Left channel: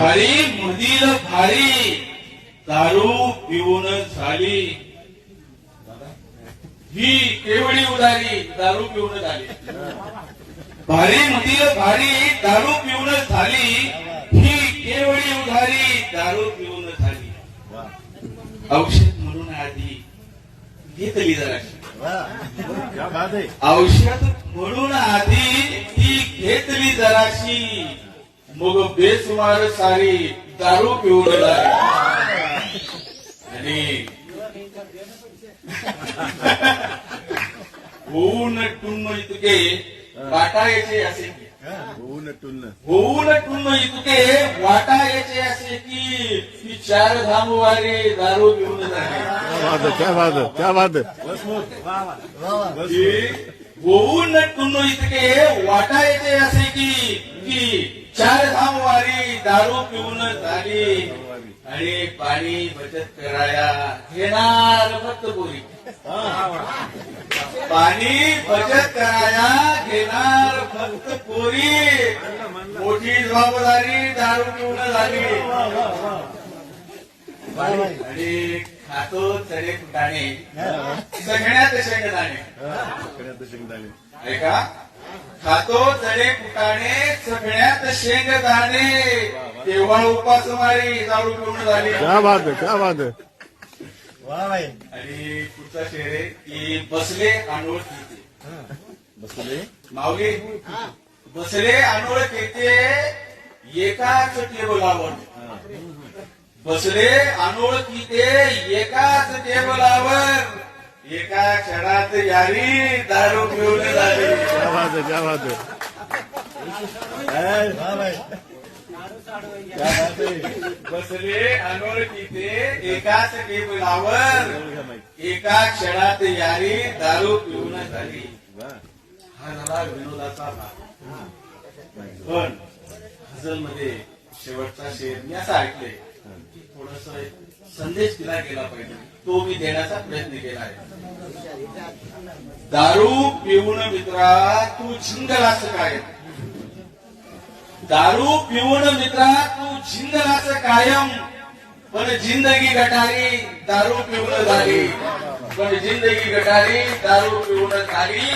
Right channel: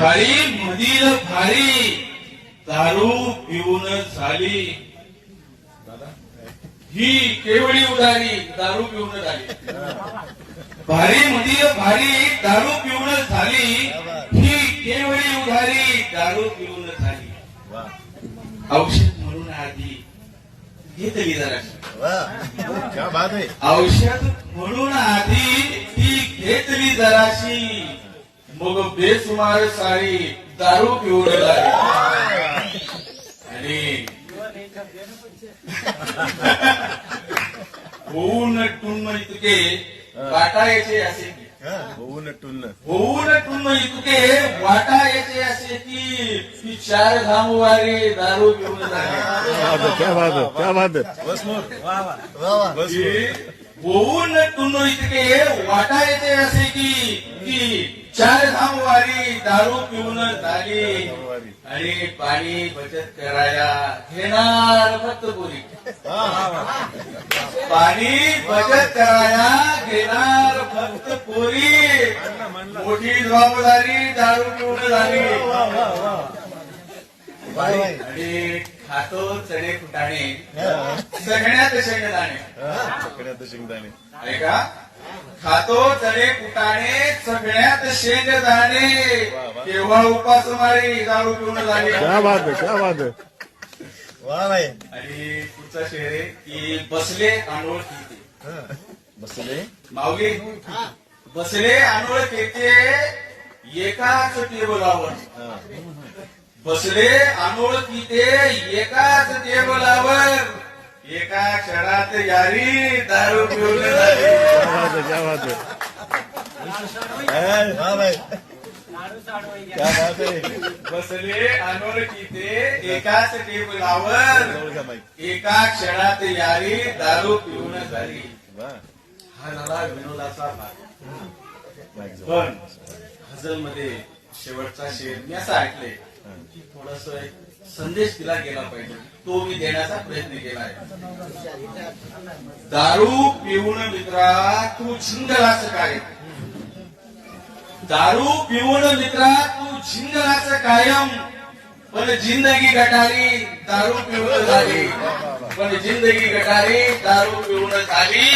भारी मधील भारी दारू पिऊन झाली ही केवळी उधारी दारू पिऊन झाली. भारी मधील भारी दारू पिऊन झाली ही केवळी उधारी दारू पिऊन झाली. औषध म्हणून आधी घेतली जराशी. औषध म्हणून आधी ती घेतली जराशी मग बेसुमार सारी दारू पिऊन झाली. आणि होऊन टुन्न इतके वाटायचे असे की होऊन टुन्न इतके वाटायचे असे की चार धामवारी दारू पिऊन झाली. क्या बात होऊन टुन्न इतके वाटायचे असे की चार धामवारी दारू पिऊन झाली. आणि पाणी बचत करायला घेणार फक्त पोरी. पाणी बचत करायला घेणार फक्त पोरी. मोठी जबाबदारी दारू पिऊन झाली. आणि खातो चणे फुटाणे सगळ्यात शेंगदाणे. ऐका, खातो चणे फुटाणे सगळ्यात शेंगदाणे केवळ उपासमारी दारू पिऊन झाली. क्या बात है. आणि पुढचा शेर आहे की बसले अनोळखी बसले माऊली बसले अनोळखी एकाच टेबलावर. बसले अनोळखी एकाच टेबलावर एका क्षणात यारी दारू पिऊन झाली. क्या बात है. बसले अनोळखी एकाच टेबलावर एका क्षणात यारी दारू पिऊन झाली. हा झाला विनोदाचा भाग. पण हजलमध्ये शेवटचा शेर मी असं ऐकले की थोडस संदेश दिला गेला पाहिजे, तो मी देण्याचा प्रयत्न केला आहे. दारू पिऊन मित्रा तू झिंगलास काय. दारू पिऊन मित्रा तू झिंगलास कायम. पण जिंदगी गटारी दारू पिऊन झाली. पण जिंदगी गटारी दारू पिऊन झाली.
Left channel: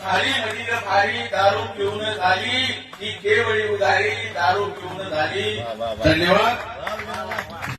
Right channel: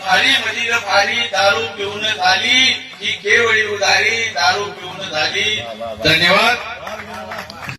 भारी मधील भारी दारू पिऊन झाली ही केवळी उधारी दारू पिऊन झाली. धन्यवाद.